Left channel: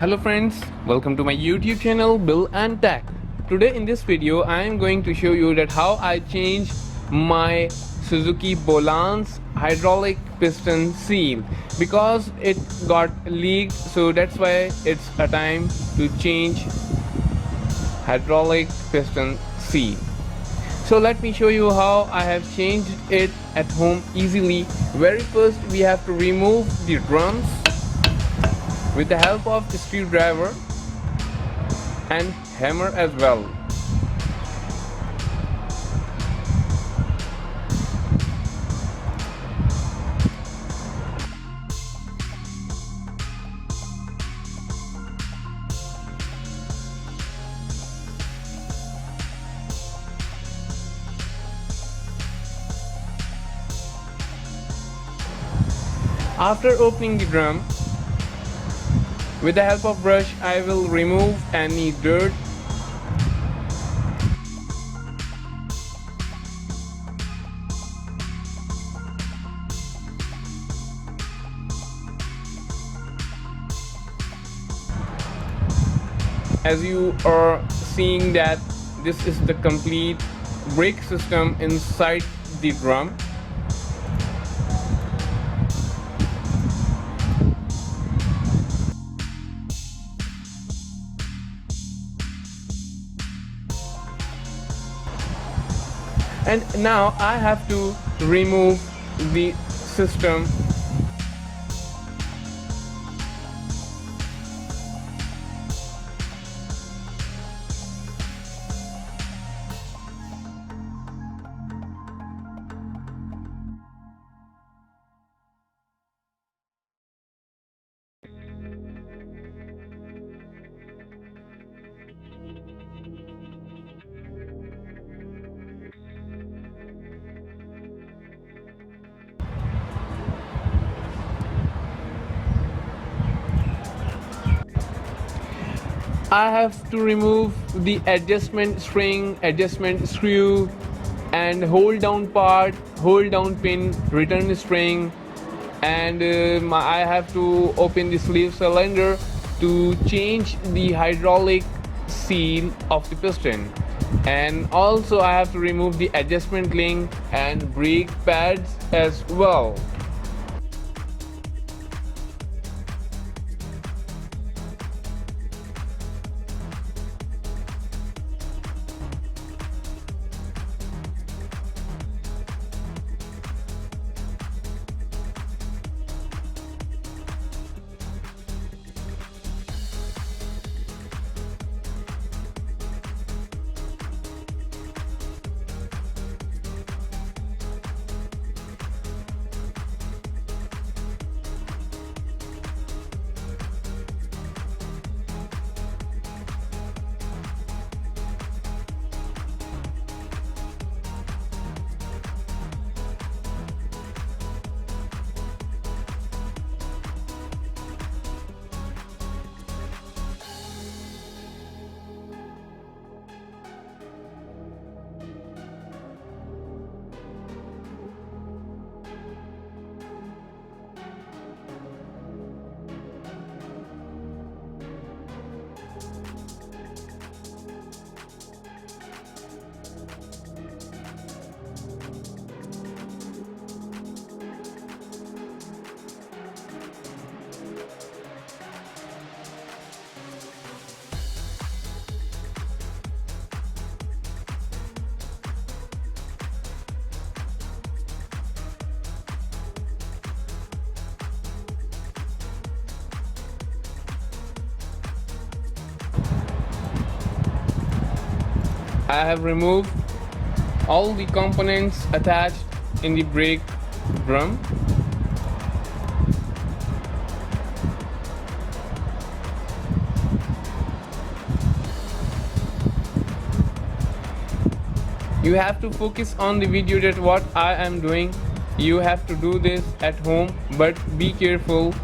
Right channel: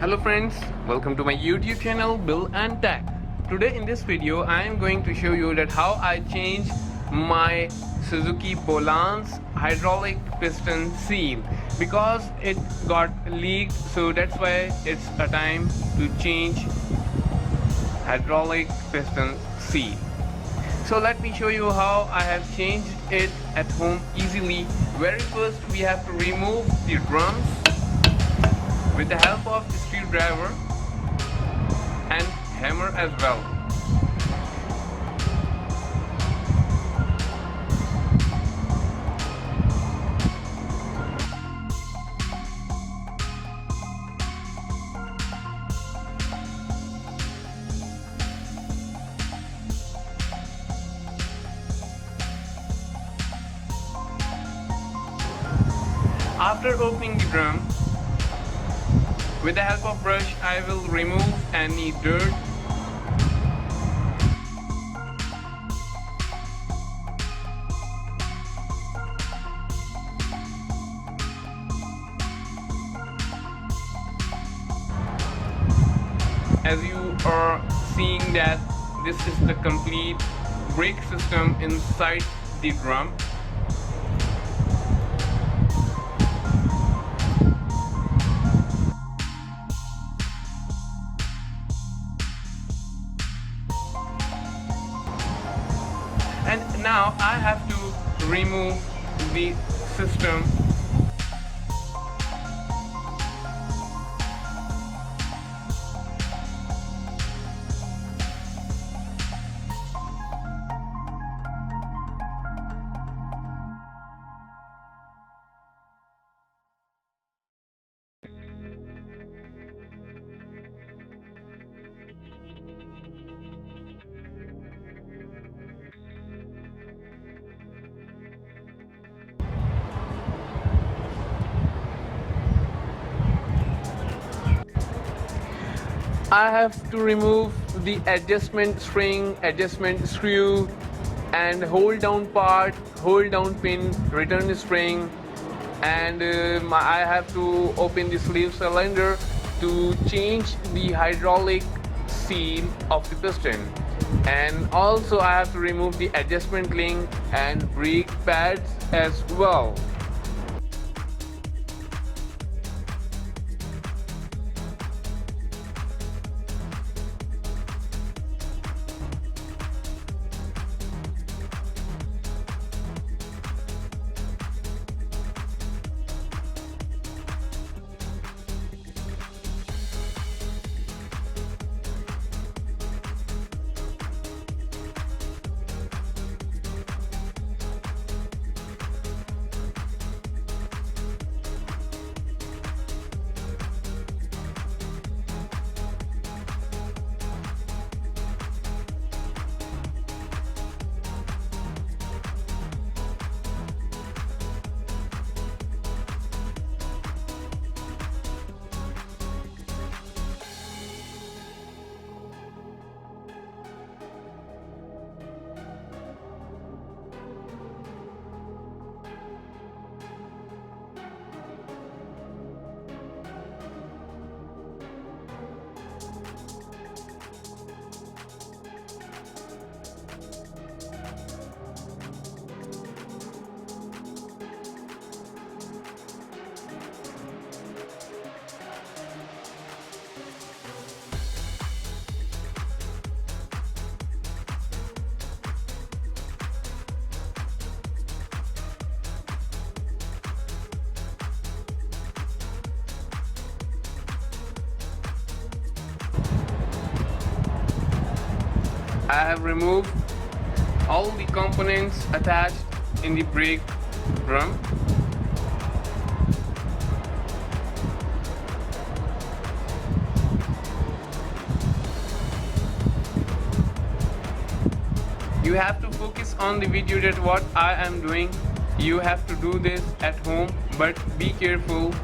Hello friends, welcome to my YouTube channel Bill and Tech. Today in this video I am going to show you that how I changed my Suzuki Bolan's hydraulic piston seal because it got leaked, so that's why it's a time to change hydraulic piston seal. So let me show you how I have changed it at home easily. Very first we have to remove the drums with the help of the screwdriver and hammer as well. After opening the drum, with the help of brush, I will remove any dirt as you are seeing that this is the complete brake system inside the drum. And now I have to remove the system . I have to remove the adjustment spring, adjustment screw, and hold down part, hold down pin, return spring, and I have to open the sleeve cylinder to change the hydraulic seal of the piston. And also I have to remove the adjustment link and brake pads as well. I have removed all the components attached in the brake drum. You have to focus on the video that what I am doing. You have to do this at home, but be careful.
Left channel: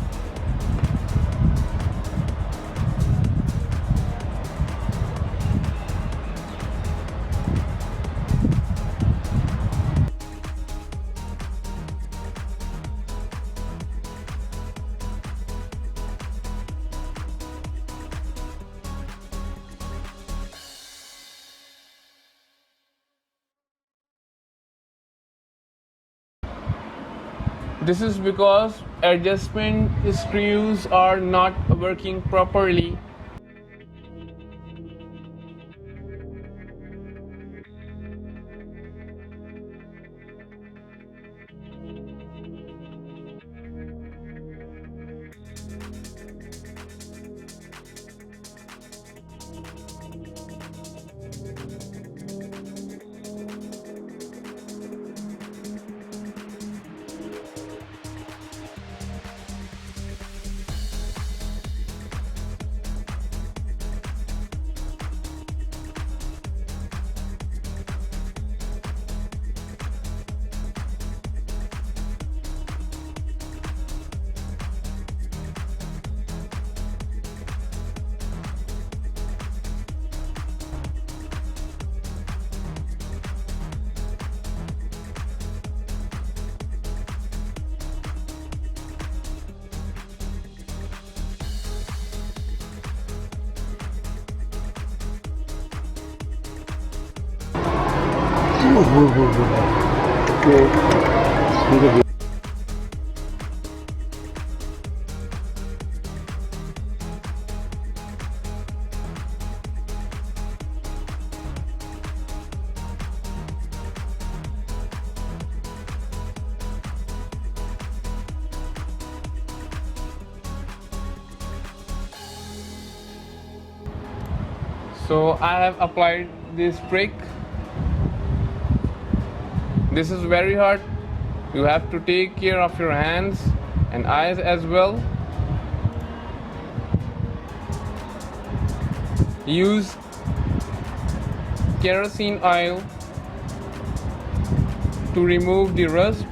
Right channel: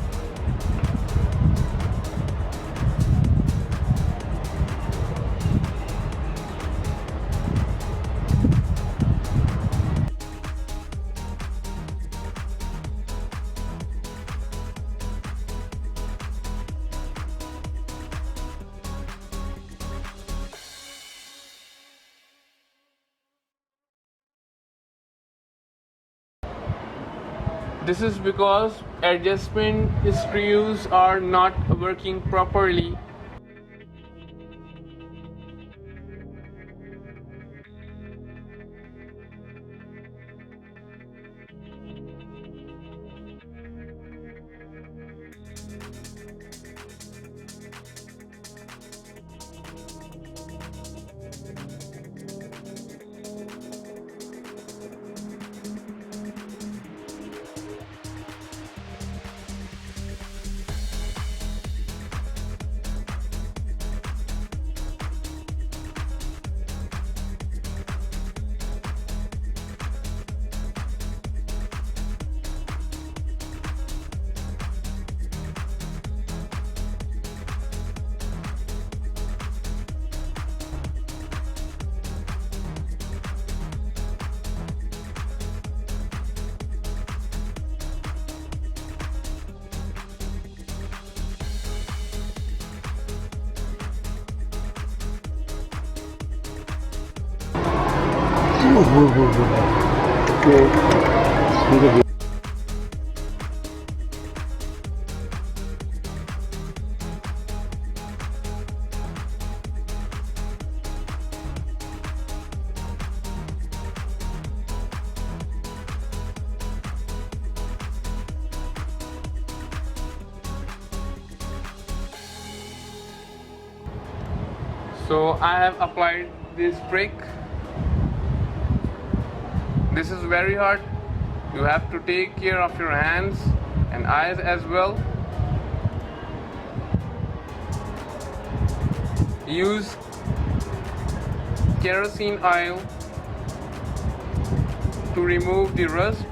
This is because adjustment screws are not working properly. So I have applied this trick. This is very hard. You have to take care of your hands and eyes as well. Use kerosene oil to remove the rust.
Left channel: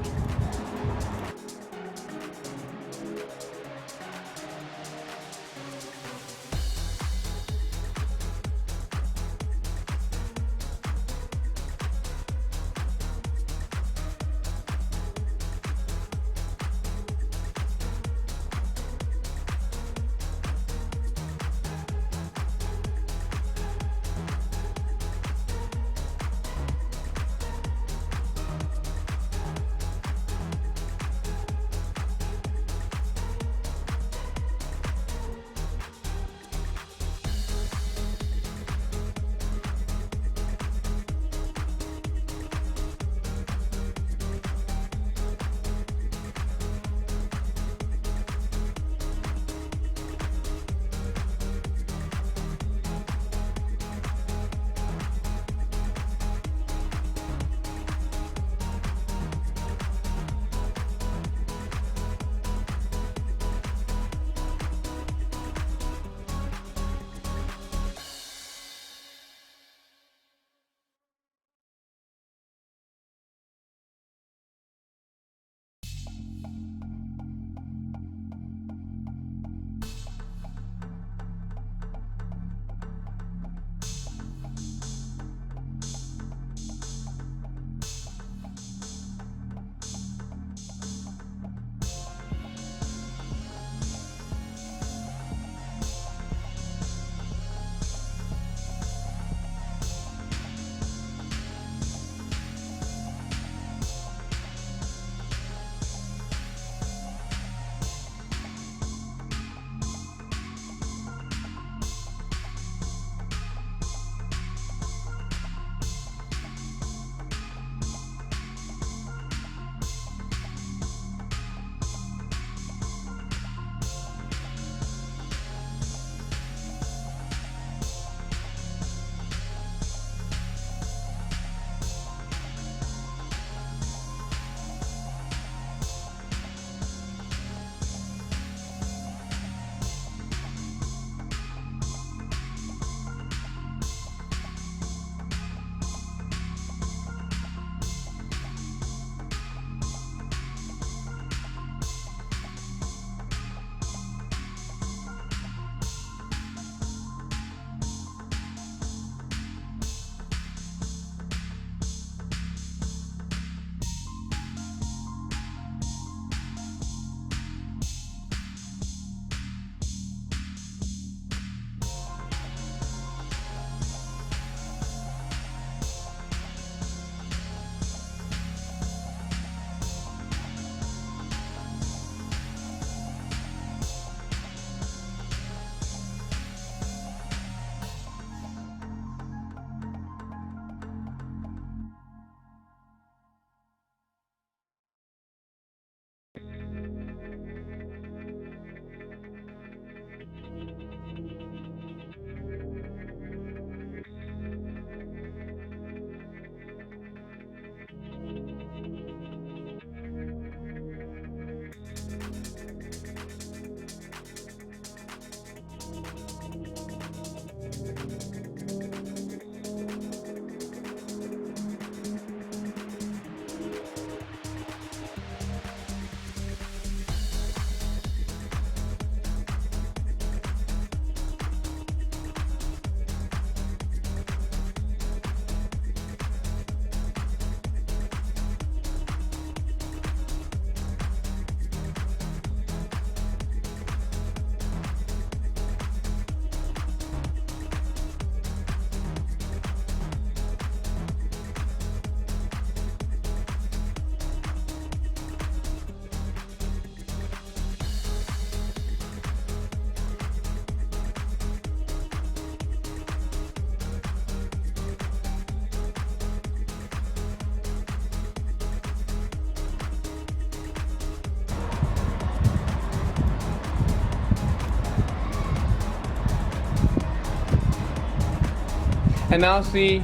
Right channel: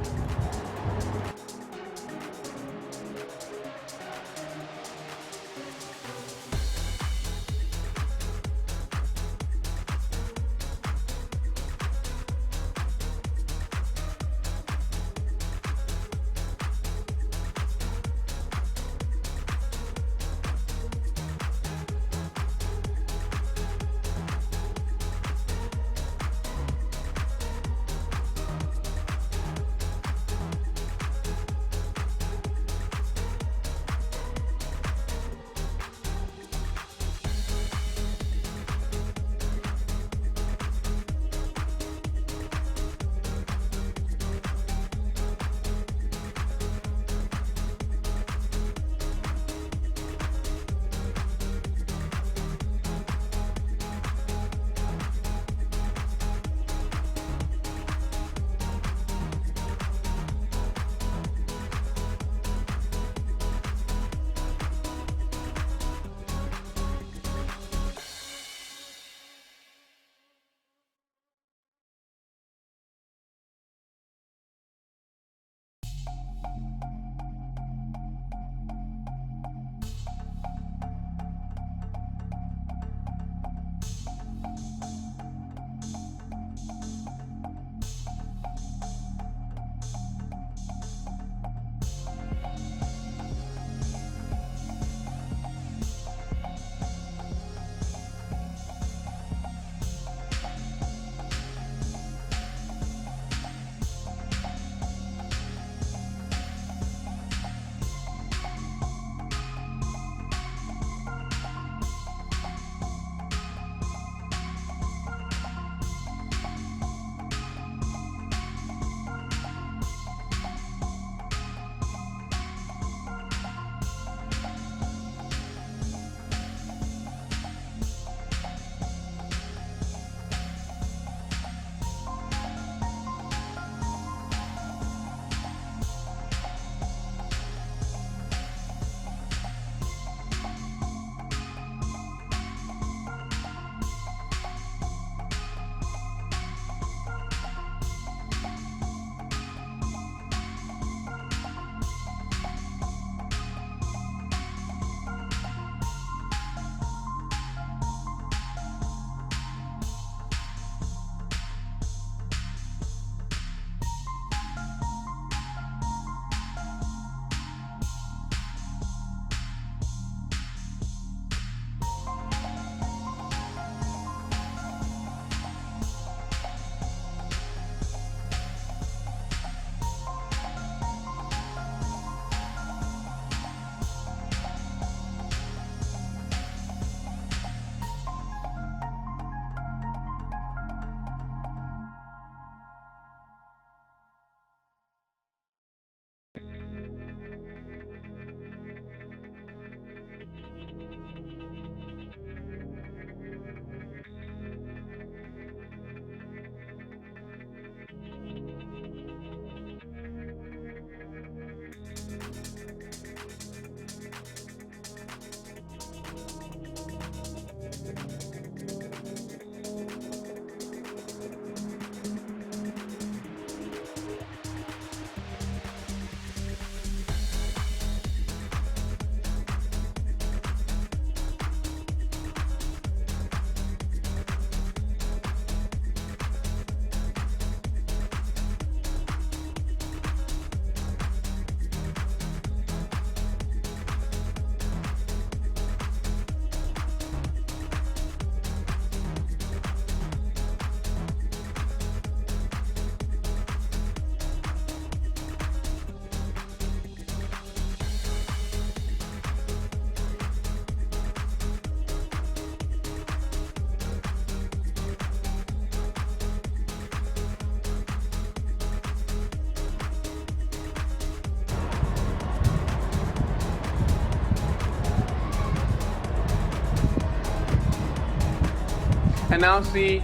And now see,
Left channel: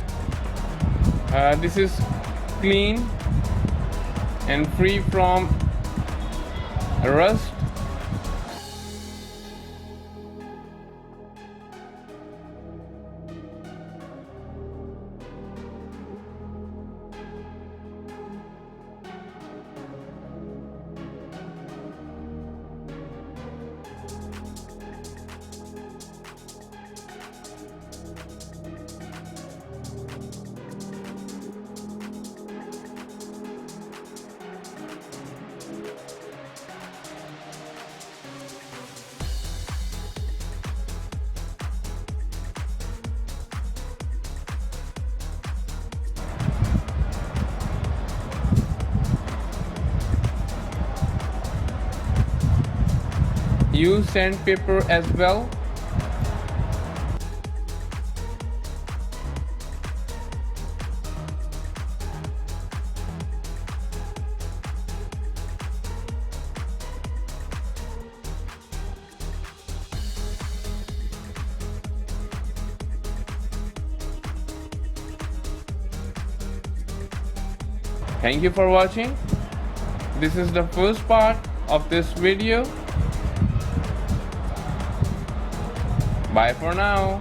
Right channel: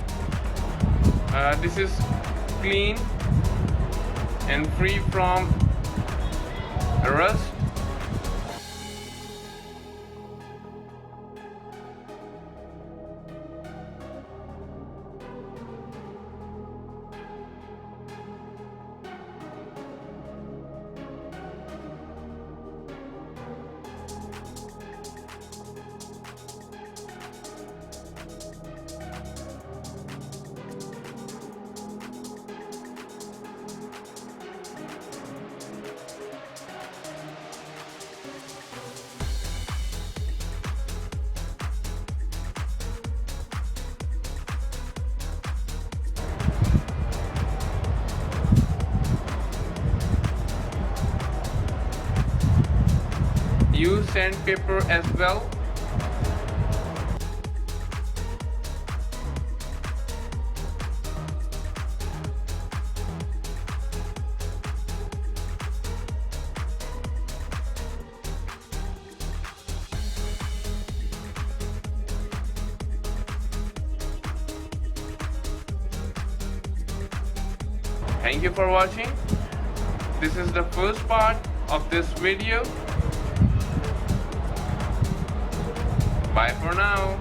this is clean and free from rust. Use sandpaper as well. Thank you for watching. This is the first part of this video. Bye for now.